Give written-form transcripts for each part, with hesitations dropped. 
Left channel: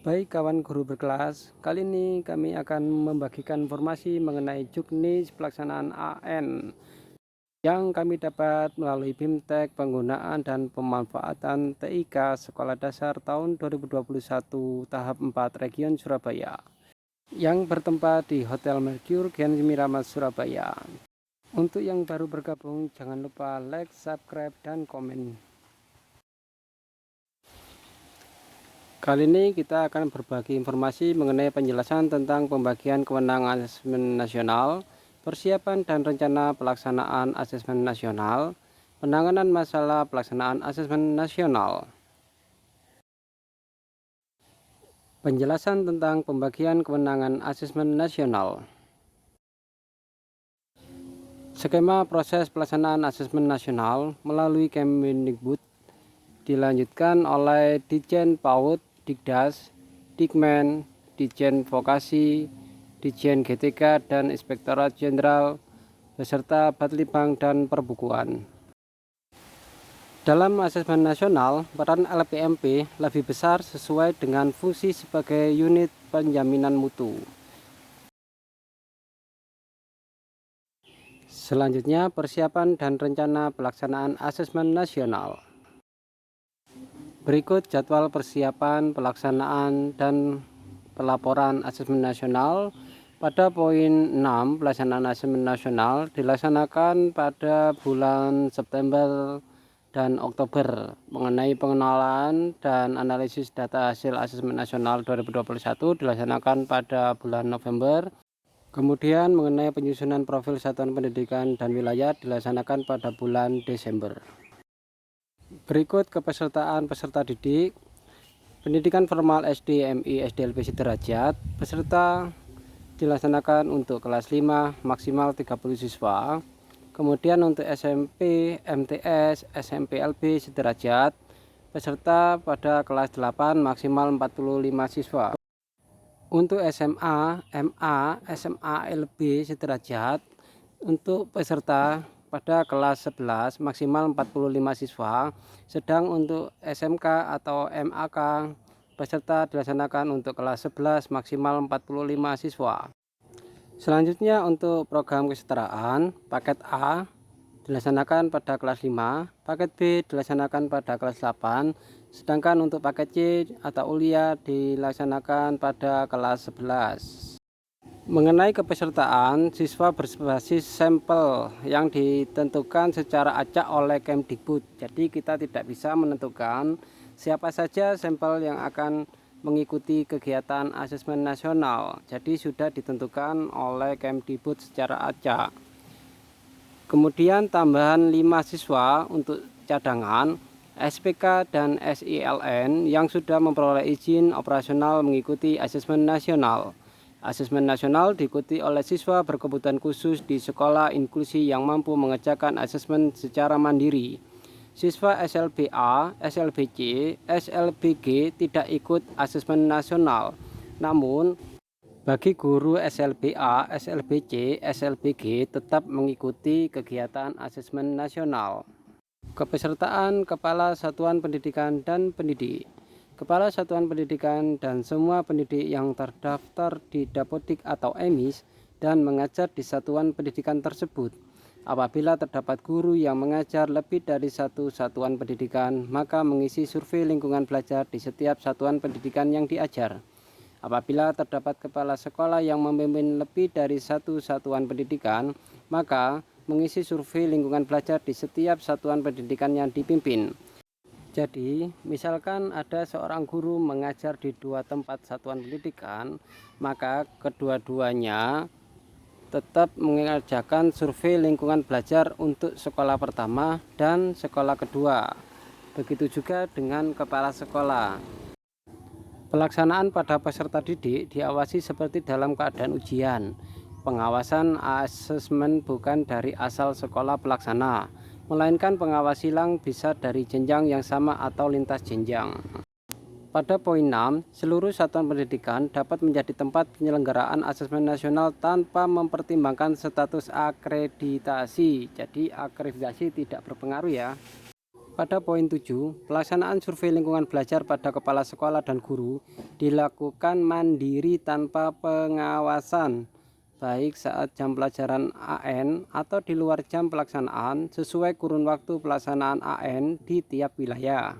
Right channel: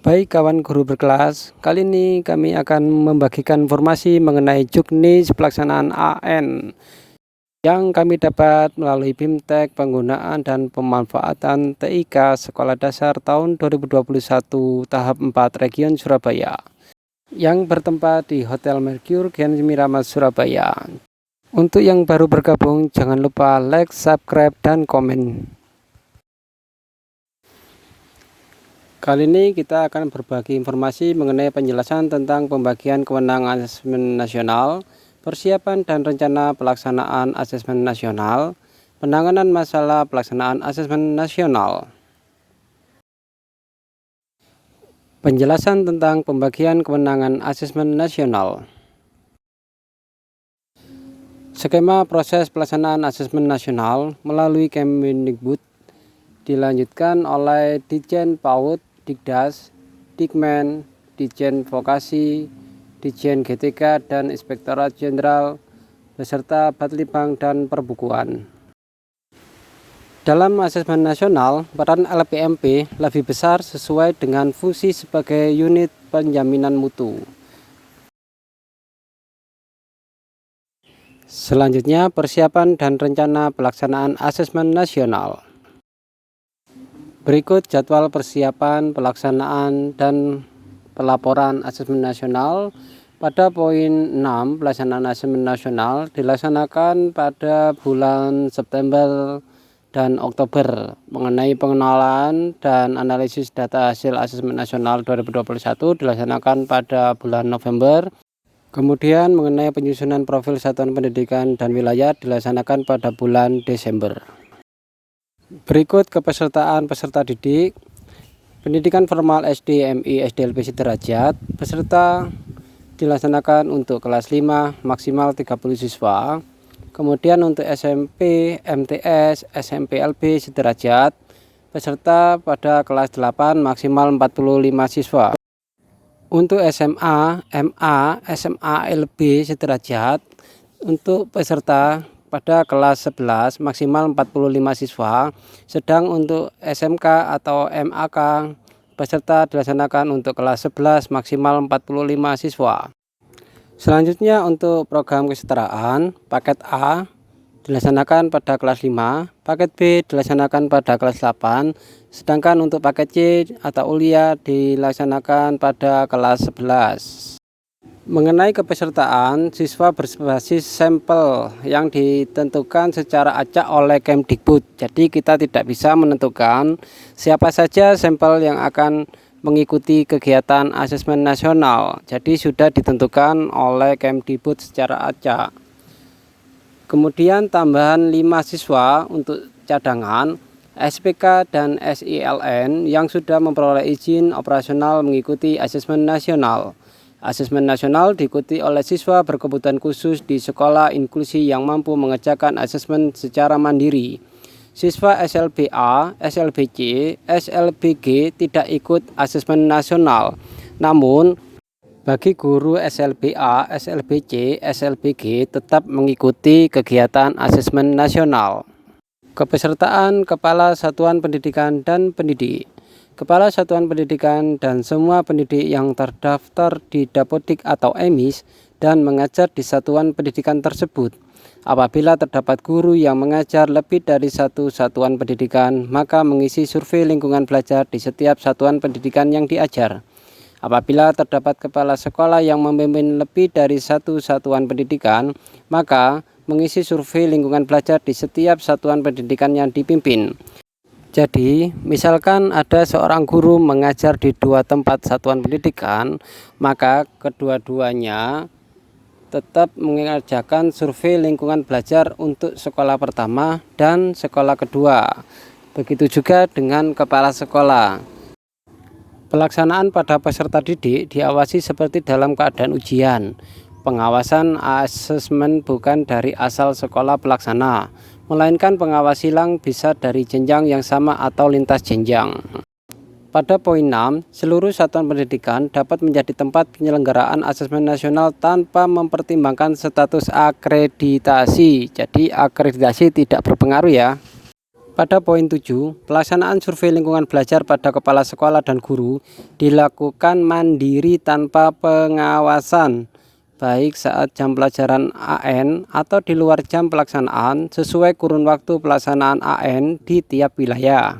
Baik kawan guru berkelas, kali ini kami akan membagikan informasi mengenai juknis pelaksanaan AN yang kami dapat melalui BIMTEK penggunaan dan pemanfaatan TIK Sekolah Dasar tahun 2021 tahap 4 Region Surabaya yang bertempat di Hotel Mercure Gen Miramas Surabaya. Untuk yang baru bergabung, jangan lupa like, subscribe, dan komen. Kali ini kita akan berbagi informasi mengenai penjelasan tentang pembagian kewenangan asesmen nasional, persiapan dan rencana pelaksanaan asesmen nasional, penanganan masalah pelaksanaan asesmen nasional. Penjelasan tentang pembagian kewenangan asesmen nasional. Skema proses pelaksanaan asesmen nasional melalui Kemendikbud dilanjutkan oleh Ditjen PAUD, Dikdas, Dikmen, Ditjen Vokasi, Ditjen GTK, dan Inspektorat Jenderal beserta Batlibang dan Perbukuan. Dalam asesmen nasional, peran LPMP lebih besar sesuai dengan fungsi sebagai unit penjaminan mutu. Selanjutnya, persiapan dan rencana pelaksanaan asesmen nasional. Berikut jadwal persiapan, pelaksanaan, dan pelaporan asesmen nasional. Pada poin 6, pelaksanaan asesmen nasional dilaksanakan pada bulan September dan Oktober mengenai pengenalan dan analisis data hasil asesmen nasional 2021 dilaksanakan pada bulan November. Kemudian mengenai penyusunan profil satuan pendidikan dan wilayah dilaksanakan pada bulan Desember. Berikut kepesertaan peserta didik. Pendidikan formal SD, MI, SDLP sederajat peserta dilaksanakan untuk kelas 5 maksimal 30 siswa. Kemudian untuk SMP, MTS, SMP LB sederajat peserta pada kelas 8 maksimal 45 siswa. Untuk SMA, MA, SMA LB sederajat untuk peserta pada kelas 11 maksimal 45 siswa, sedang untuk SMK atau MAK peserta dilaksanakan untuk kelas 11 maksimal 45 siswa. Selanjutnya untuk program kesetaraan, paket A dilaksanakan pada kelas 5, paket B dilaksanakan pada kelas 8, sedangkan untuk paket C atau ulia dilaksanakan pada kelas 11. Mengenai kepesertaan, siswa berbasis sampel yang ditentukan secara acak oleh Kemdikbud. Jadi kita tidak bisa menentukan siapa saja sampel yang akan mengikuti kegiatan asesmen nasional. Jadi sudah ditentukan oleh Kemdikbud secara acak. Kemudian tambahan 5 siswa untuk cadangan, SPK dan SILN yang sudah memperoleh izin operasional mengikuti asesmen nasional. Asesmen nasional diikuti oleh siswa berkebutuhan khusus di sekolah inklusi yang mampu mengerjakan asesmen secara mandiri. Siswa SLBA, SLBC, SLBG tidak ikut asesmen nasional. Namun, bagi guru SLBA, SLBC, SLBG tetap mengikuti kegiatan asesmen nasional. Kepesertaan Kepala Satuan Pendidikan dan Pendidik. Kepala Satuan Pendidikan dan semua pendidik yang terdaftar di Dapodik atau EMIS dan mengajar di satuan pendidikan tersebut. Apabila terdapat guru yang mengajar lebih dari satu satuan pendidikan, maka mengisi survei lingkungan belajar di setiap satuan pendidikan yang diajar. Apabila terdapat kepala sekolah yang memimpin lebih dari satu satuan pendidikan, maka mengisi survei lingkungan belajar di setiap satuan pendidikan yang dipimpin. Jadi, misalkan ada seorang guru mengajar di 2 tempat satuan pendidikan, maka kedua-duanya tetap mengerjakan survei lingkungan belajar untuk sekolah pertama dan sekolah kedua. Begitu juga dengan kepala sekolah. Pelaksanaan pada peserta didik diawasi seperti dalam keadaan ujian. Pengawasan asesmen bukan dari asal sekolah pelaksana, melainkan pengawas silang bisa dari jenjang yang sama atau lintas jenjang. Pada poin 6, seluruh satuan pendidikan dapat menjadi tempat penyelenggaraan asesmen nasional tanpa mempertimbangkan status akreditasi. Jadi akreditasi tidak berpengaruh ya. Pada poin 7, pelaksanaan survei lingkungan belajar pada kepala sekolah dan guru dilakukan mandiri tanpa pengawasan, baik saat jam pelajaran AN atau di luar jam pelaksanaan sesuai kurun waktu pelaksanaan AN di tiap wilayah.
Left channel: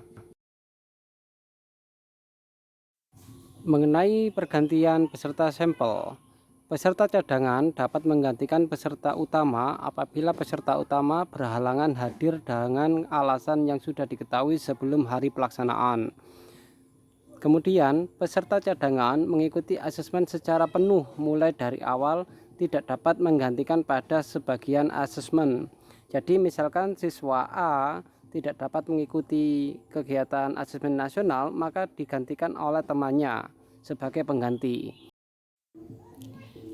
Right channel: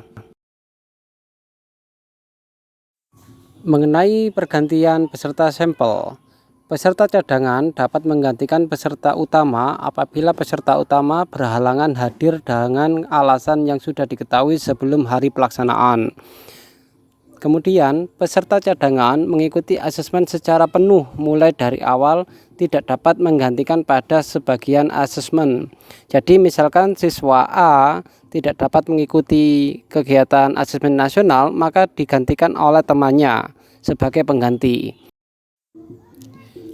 Mengenai pergantian peserta sampel, peserta cadangan dapat menggantikan peserta utama apabila peserta utama berhalangan hadir dengan alasan yang sudah diketahui sebelum hari pelaksanaan. Kemudian, peserta cadangan mengikuti asesmen secara penuh mulai dari awal, tidak dapat menggantikan pada sebagian asesmen. Jadi misalkan siswa A tidak dapat mengikuti kegiatan asesmen nasional, maka digantikan oleh temannya sebagai pengganti.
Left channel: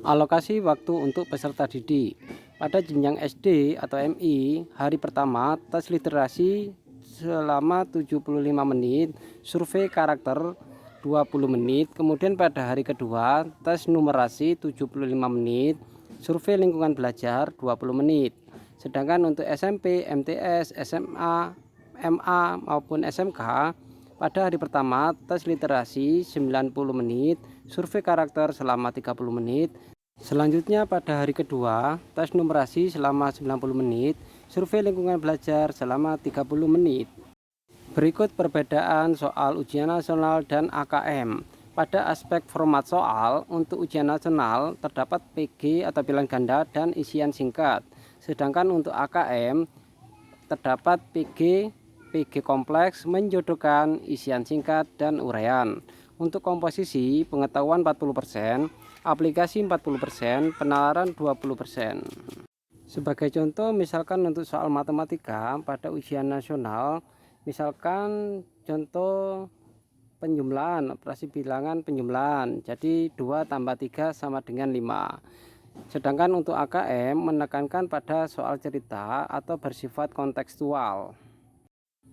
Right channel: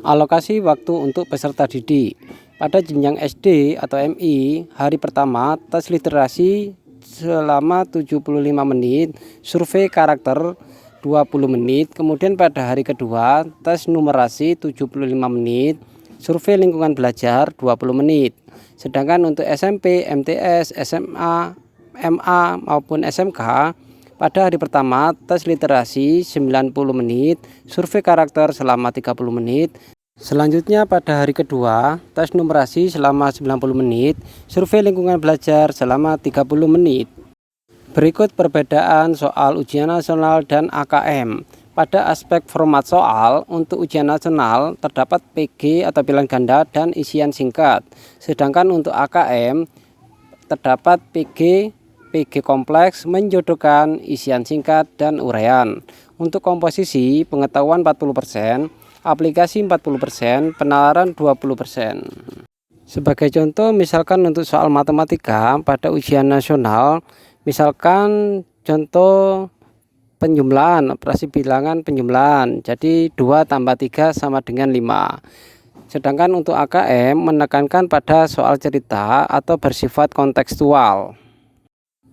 Alokasi waktu untuk peserta didik. Pada jenjang SD atau MI, hari pertama tes literasi selama 75 menit, survei karakter 20 menit, kemudian pada hari kedua tes numerasi 75 menit, survei lingkungan belajar 20 menit. Sedangkan untuk SMP, MTS, SMA, MA maupun SMK, pada hari pertama tes literasi 90 menit, survei karakter selama 30 menit. Selanjutnya pada hari kedua tes numerasi selama 90 menit, survei lingkungan belajar selama 30 menit. Berikut perbedaan soal ujian nasional dan AKM. Pada aspek format soal, untuk ujian nasional terdapat PG atau pilihan ganda dan isian singkat. Sedangkan untuk AKM terdapat PG kompleks menjodohkan isian singkat dan uraian. Untuk komposisi, pengetahuan 40%, aplikasi 40%, penalaran 20%. Sebagai contoh, misalkan untuk soal matematika pada ujian nasional, misalkan contoh penjumlahan, operasi bilangan penjumlahan, jadi 2 tambah 3 sama dengan 5. Sedangkan untuk AKM menekankan pada soal cerita atau bersifat kontekstual.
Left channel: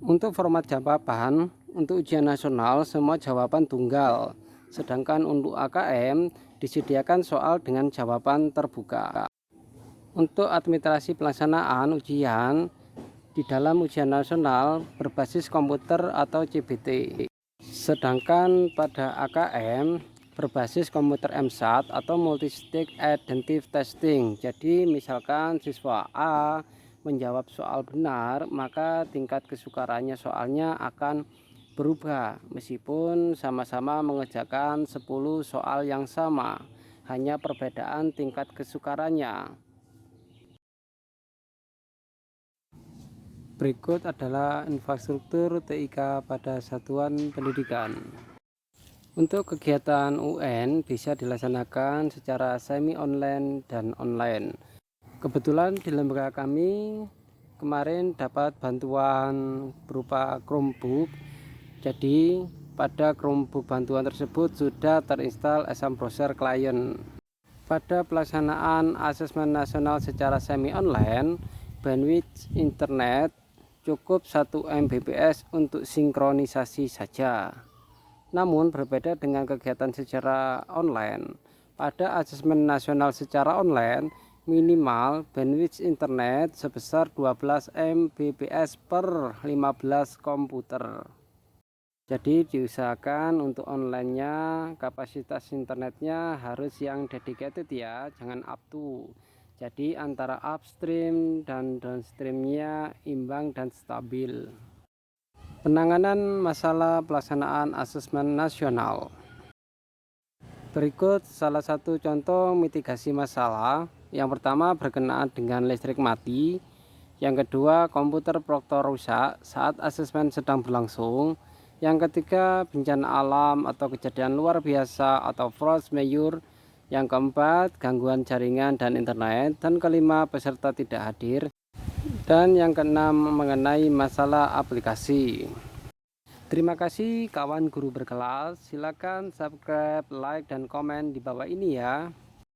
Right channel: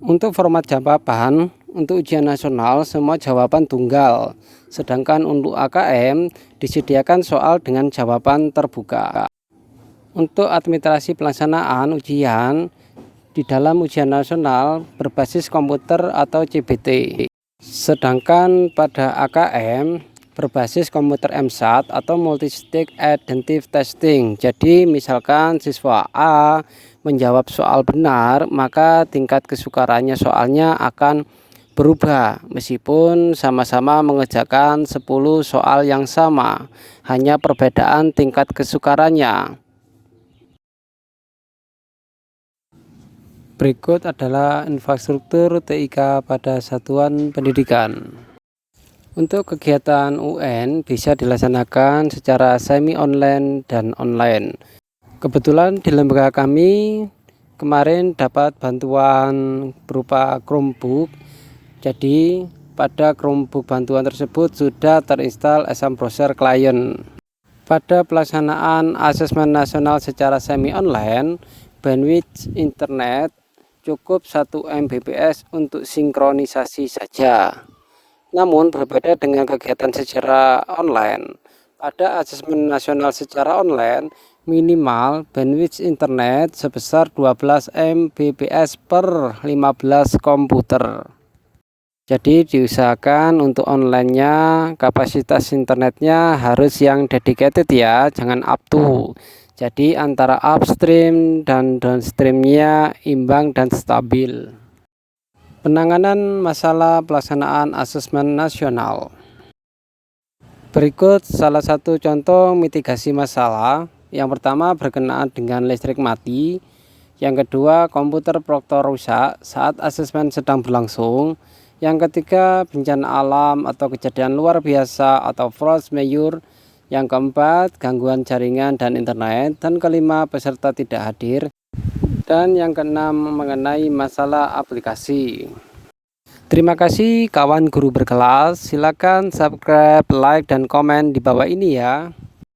Untuk format jawaban, untuk ujian nasional semua jawaban tunggal, sedangkan untuk AKM disediakan soal dengan jawaban terbuka. Untuk administrasi pelaksanaan ujian di dalam ujian nasional berbasis komputer atau CBT. Sedangkan pada AKM berbasis komputer MSAT atau Multi-Stage Adaptive Testing. Jadi misalkan siswa A menjawab soal benar, maka tingkat kesukarannya soalnya akan berubah meskipun sama-sama mengerjakan 10 soal yang sama, hanya perbedaan tingkat kesukarannya. Berikut adalah infrastruktur TIK pada satuan pendidikan. Untuk kegiatan UN bisa dilaksanakan secara semi online dan online. Kebetulan di lembaga kami kemarin dapat bantuan berupa Chromebook. Jadi pada Chromebook bantuan tersebut sudah terinstal Asam Browser Client. Pada pelaksanaan asesmen nasional secara semi online, bandwidth internet cukup 1 Mbps untuk sinkronisasi saja. Namun berbeda dengan kegiatan secara online. Pada asesmen nasional secara online, minimal bandwidth internet sebesar 12 Mbps per 15 komputer. Jadi diusahakan untuk online-nya kapasitas internetnya harus yang dedicated ya, jangan up to. Jadi antara upstream dan downstreamnya imbang dan stabil. Penanganan masalah pelaksanaan asesmen nasional. Berikut salah satu contoh mitigasi masalah. Yang pertama berkenaan dengan listrik mati. Yang kedua komputer proktor rusak saat asesmen sedang berlangsung. Yang ketiga bencana alam atau kejadian luar biasa atau force majeure. Yang keempat gangguan jaringan dan internet. Dan kelima peserta tidak hadir. Dan yang keenam mengenai masalah aplikasi. Terima kasih kawan guru berkelas. Silakan subscribe, like, dan komen di bawah ini ya.